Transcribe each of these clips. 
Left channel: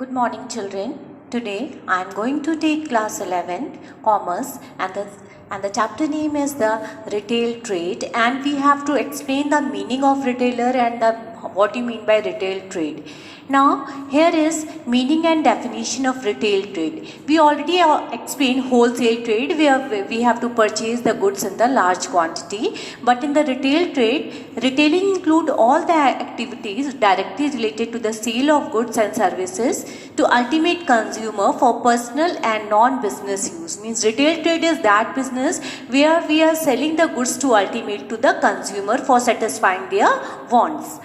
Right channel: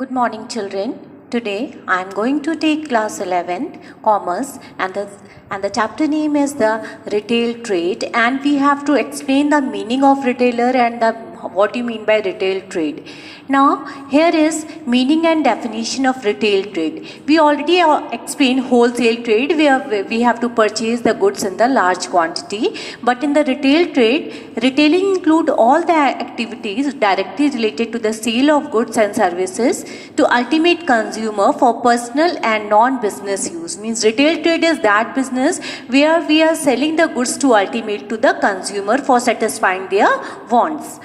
Good morning, children. Today I am going to take class 11th commerce and the chapter name is the retail trade, and we have to explain the meaning of retailer and what you mean by retail trade. Now here is meaning and definition of retail trade. We already explained wholesale trade where we have to purchase the goods in the large quantity, but in the retail trade, retailing include all the activities directly related to the sale of goods and services to ultimate consumer for personal and non-business use. Means retail trade is that business where we are selling the goods to ultimate to the consumer for satisfying their wants.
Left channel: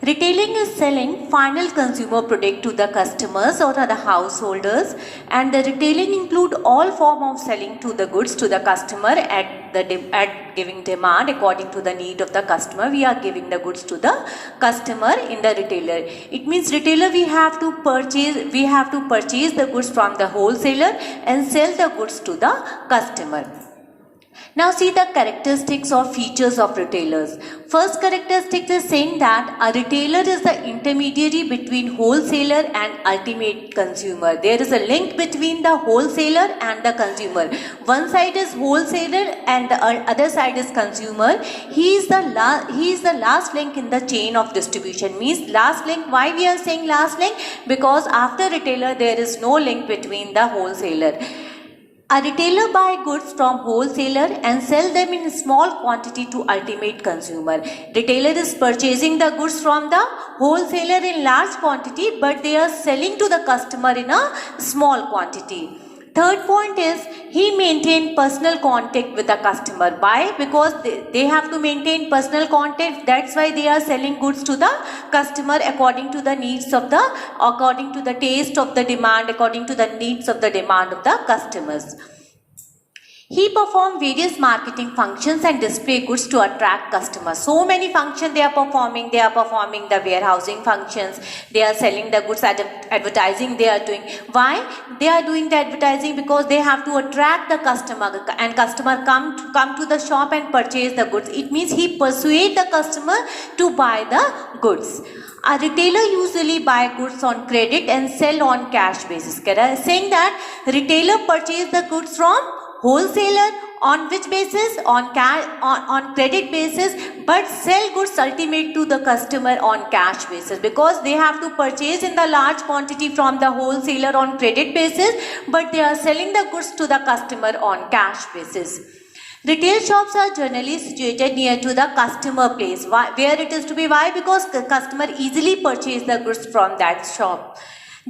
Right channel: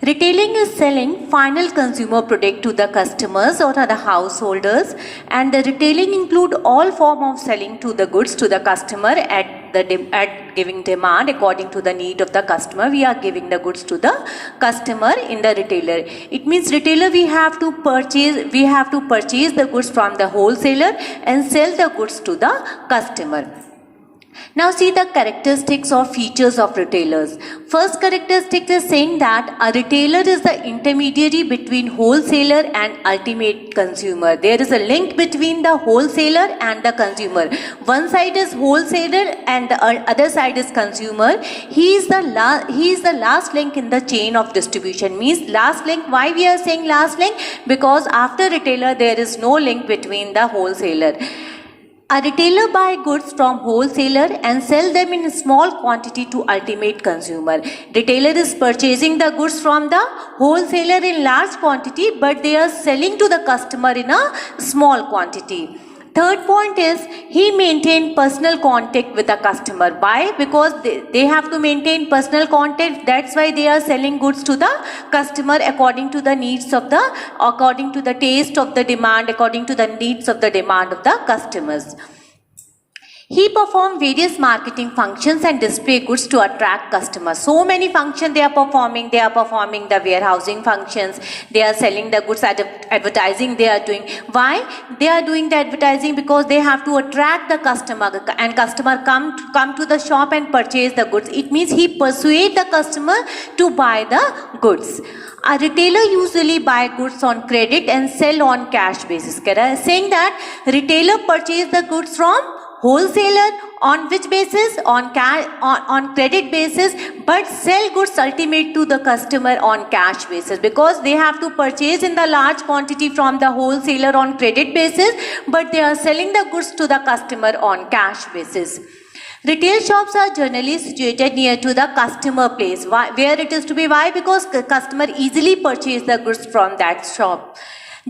Retailing is selling final consumer product to the customers or the householders, and the retailing include all form of selling to the goods to the customer at giving demand according to the need of the customer. We are giving the goods to the customer in the retailer. It means retailer we have to purchase the goods from the wholesaler and sell the goods to the customer. Now see the characteristics or features of retailers. First characteristic is saying that a retailer is the intermediary between wholesaler and ultimate consumer. There is a link between the wholesaler and the consumer. One side is wholesaler and the other side is consumer. He is the last link in the chain of distribution. Means last link. Why we are saying last link? Because after retailer there is no link between the wholesaler. A retailer buy goods from wholesaler and sell them in small quantity to ultimate consumer. Retailer is purchasing the goods from the wholesaler in large quantity, but they are selling to the customer in a small quantity. Third point is he maintain personal contact with the customer. Why? Because they have to maintain personal contact. That's why they are selling goods to the customer according to the taste of the demand, according to the needs of the demand of the customers. He perform various marketing functions and display goods to attract customers. So many functions they are performing. They are performing the warehousing functions. They are selling the goods, advertising they are doing. Why? They are doing the advertising because they have to attract the customer, and customer come to the shop and purchase the goods. It means he persuade the customer to buy the goods. A retailer usually buy goods on credit and sell on cash basis. Saying that retailer purchase the goods from wholesaler on which basis? On credit basis, but sell goods ultimate to the customer on cash basis, because they have to purchase in the large quantity from the wholesaler on credit basis, but they are selling the goods to the customer on cash basis. Retail shops are generally situated near to the customer place. Where it is to be? Why? Because customer easily purchase the goods from that shop.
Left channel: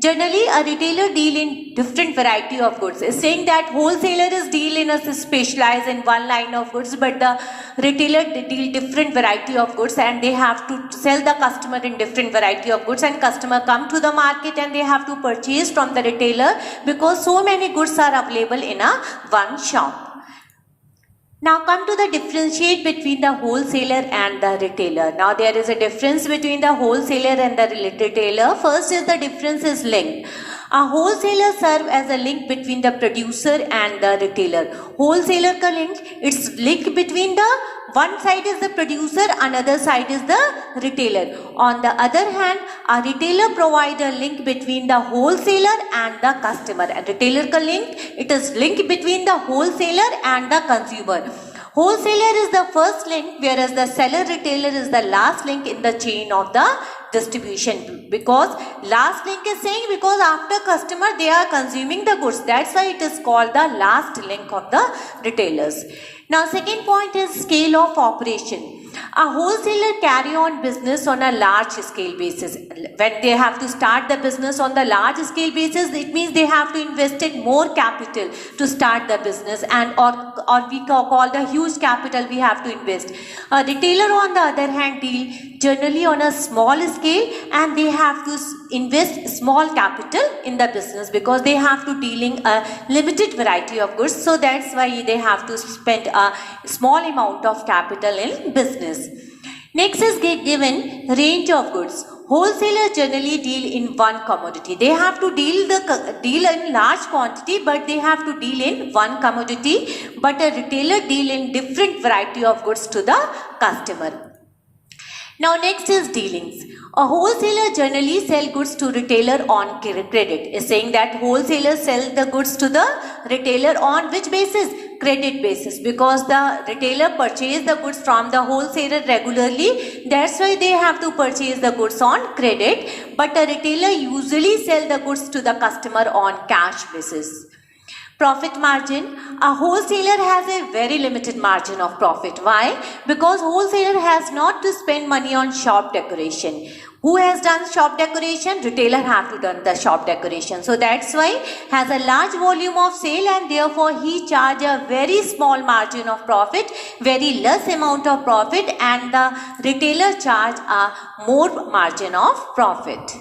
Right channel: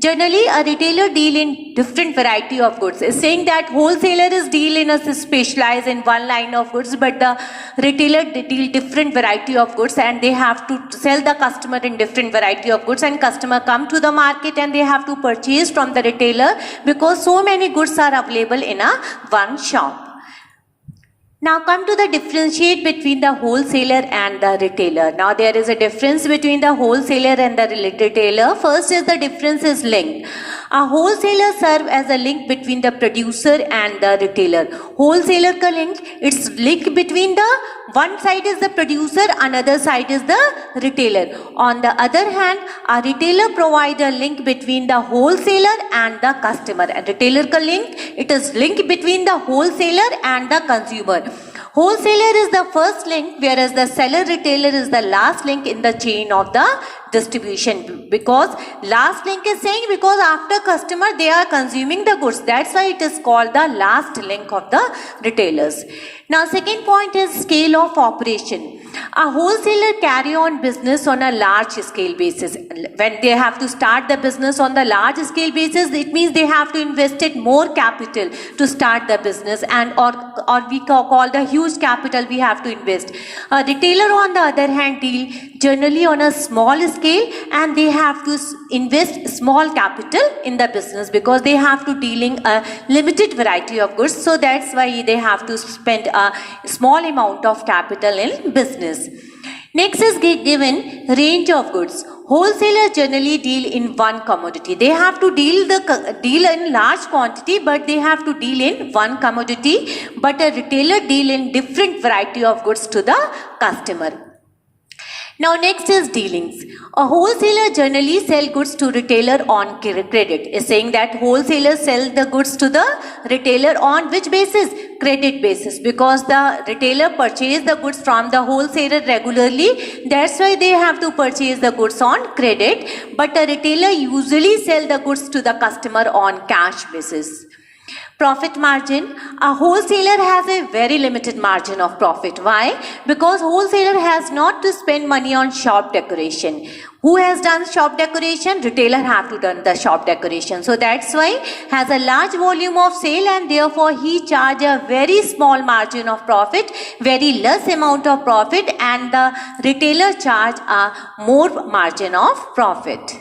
Generally, a retailer deal in different variety of goods. It's saying that wholesaler is deal in a specialized in one line of goods, but the retailer deal different variety of goods, and they have to sell the customer in different variety of goods, and customer come to the market and they have to purchase from the retailer because so many goods are available in a one shop. Now come to the differentiate between the wholesaler and the retailer. Now there is a difference between the wholesaler and the retailer. First is the difference is link. A wholesaler serve as a link between the producer and the retailer. Wholesaler ka link, it's link between the one side is the producer, another side is the retailer. On the other hand, a retailer provide a link between the wholesaler and the customer. And retailer ka link, it is link between the wholesaler and the consumer. Wholesaler is the first link, whereas the seller retailer is the last link in the chain of the distribution. Because last link is saying because after customer they are consuming the goods. That's why it is called the last link of the retailers. Now second point is scale of operation. A wholesaler carry on business on a large scale basis. When they have to start the business on the large scale basis, it means they have to invest in more capital to start the business, and or we call the huge capital we have to invest. A retailer on the other hand deal generally on a small scale, and they have to invest small capital in the business because they have to dealing a limited variety of goods. So that's why they have to spend a small amount of capital in business. Next is given range of goods. Wholesaler generally deal in one commodity. They have to deal in large quantity, but they have to deal in one commodity. But a retailer deal in different variety of goods to the customer. Now next is dealings. A wholesaler generally sell goods to retailer on credit. Is saying that wholesalers sell the goods to the retailer on which basis? Credit basis, because the retailer purchase the goods from the wholesaler regularly. That's why they have to purchase the goods on credit. But a retailer usually sell the goods to the customer on cash basis. Profit margin. A wholesaler has a very limited margin of profit. Why? Because wholesaler has not to spend money on shop decoration. Who has done shop decoration? Retailer have to done the shop decoration. So that's why has a large volume of sale, and therefore he charge a very small margin of profit, very less amount of profit, and the retailer charge a more margin of profit.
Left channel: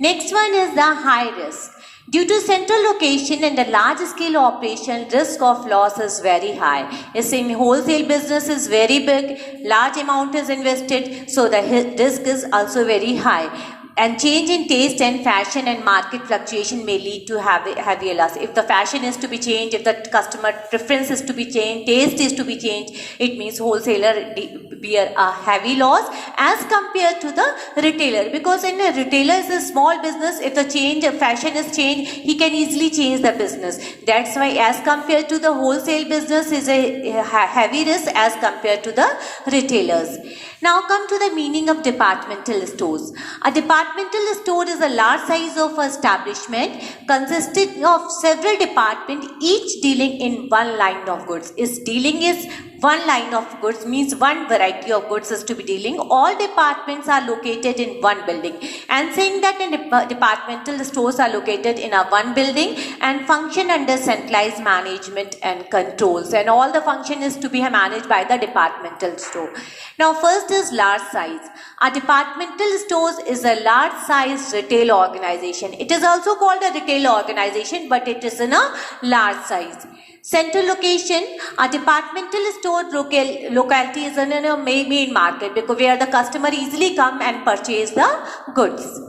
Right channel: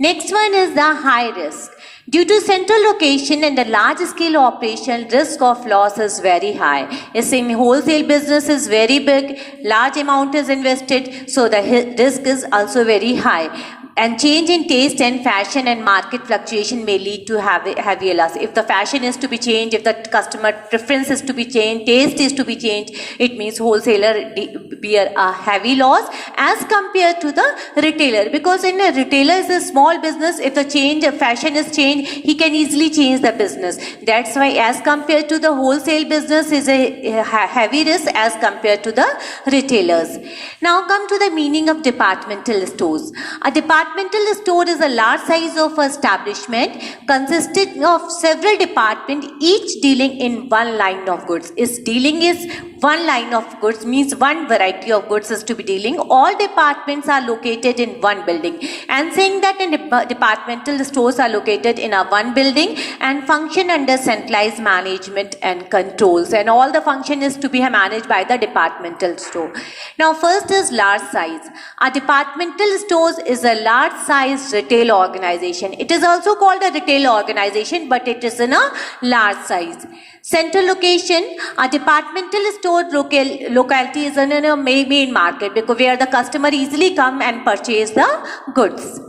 Next one is the high risk. Due to central location and a large scale operation, risk of loss is very high. As in wholesale business is very big, large amount is invested, so the risk is also very high. And change in taste and fashion and market fluctuation may lead to heavy loss. If the fashion is to be changed, if the customer preference is to be changed, taste is to be changed, it means wholesaler bear a heavy loss as compared to the retailer. Because in a retailer is a small business, if the fashion is changed, he can easily change the business. That's why as compared to the wholesale business is a heavy risk as compared to the retailers. Now come to the meaning of departmental stores. A departmental store is a large size of establishment consisting of several departments, each dealing in one line of goods. Dealing is one line of goods, means one variety of goods is to be dealing. All departments are located in one building, and saying that departmental stores are located in a one building and function under centralized management and controls, and all the function is to be managed by the departmental store. Now first is large size. A departmental stores is a large size retail organization. It is also called a retail organization, but it is in a large size. Central location. A departmental store locality is in a main market, because where the customer easily come and purchase the goods.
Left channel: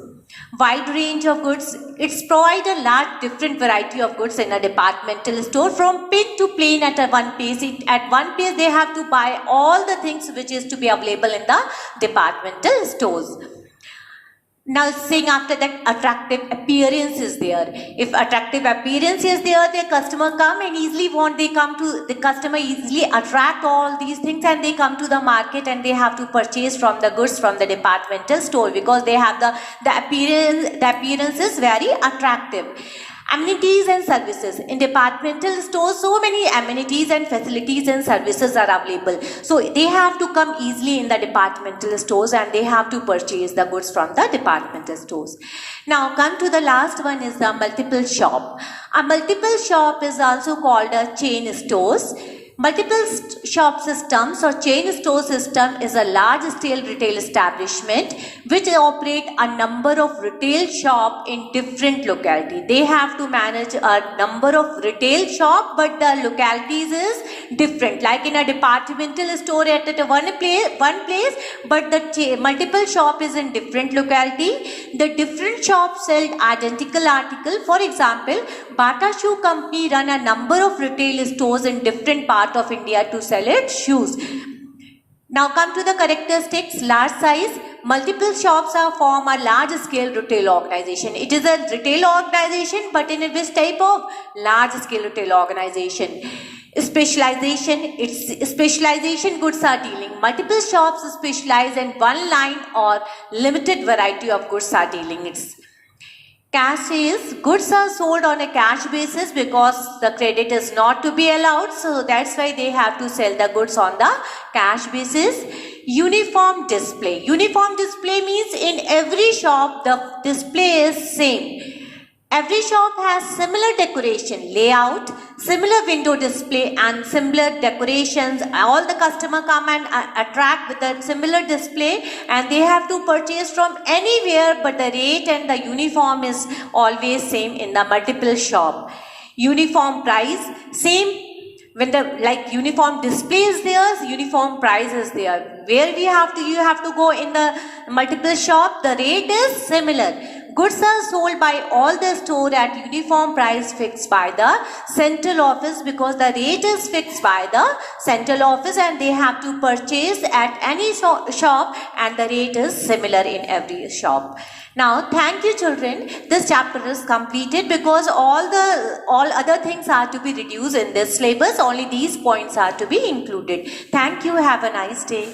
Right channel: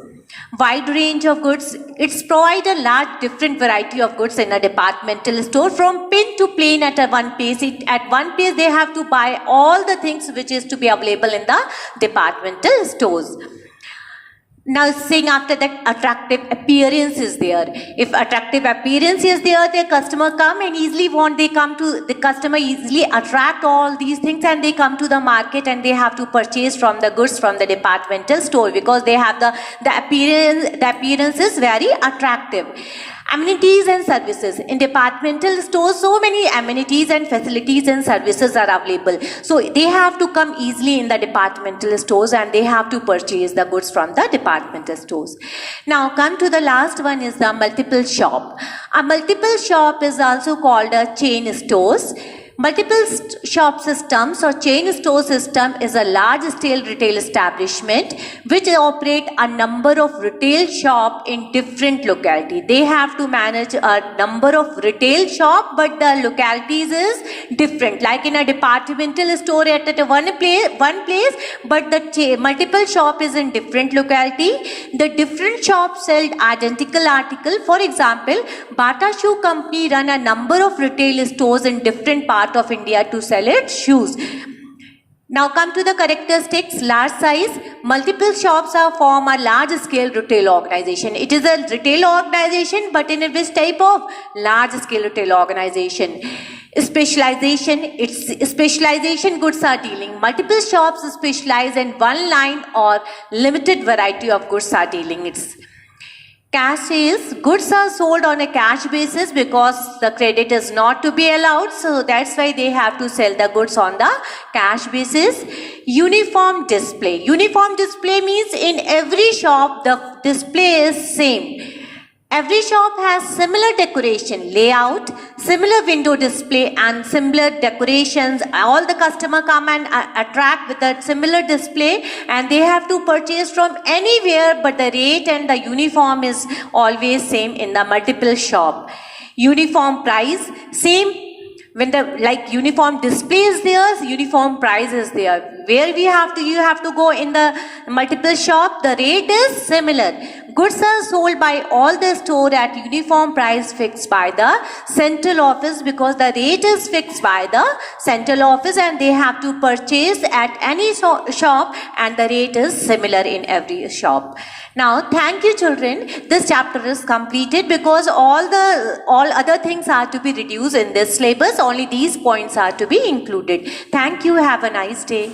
Wide range of goods. It's provide a large different variety of goods in a departmental store, from pin to plain at one place. At one place they have to buy all the things which is to be available in the departmental stores. Now saying after that, attractive appearance is there. If attractive appearance is there, the customer come and the customer easily attract all these things, and they come to the market and they have to purchase from the goods from the departmental store, because they have the appearance is very attractive. Amenities and services. In departmental stores, so many amenities and facilities and services are available. So they have to come easily in the departmental stores, and they have to purchase the goods from the departmental stores. Now come to the last one, is the multiple shop. A multiple shop is also called a chain stores. Multiple shop systems or chain store system is a large-scale retail establishment which operate a number of retail shop in different locality. They have to manage a number of retail shop, but the localities is different. Like in a departmental store at one place, but the multiple shop is in different locality. The different shops sell identical article. For example, Bata Shoe Company run a number of retail stores in different parts of India to sell its shoes. Now come to the characteristics. Large size. Multiple shops form a large scale retail organization. It is a retail organization, but in which type of large scale retail organization? Specialization. Its specialization goods are dealing. Multiple shops specialize in one line or limited variety of goods are dealing. It's cash sales. Goods are sold on a cash basis because the credit is not to be allowed. So that's why they have to sell the goods on the cash basis. Uniform display. Uniform display means in every shop the display is same. Every shop has similar decoration, layout, similar window display and similar decorations. All the customer come and attract with a similar display, and they have to purchase from anywhere, but the rate and the uniform is always same in the multiple shop. Uniform price, same. When the uniform display is there, uniform price is there. Where you have to go in the multiple shop, the rate is similar. Goods are sold by all the store at uniform price fixed by the central office, because the rate is fixed by the central office and they have to purchase at any shop and the rate is similar in every shop. Now, thank you children. This chapter is completed because all other things are to be reduced in this syllabus. Only these points are to be included. Thank you. Have a nice day.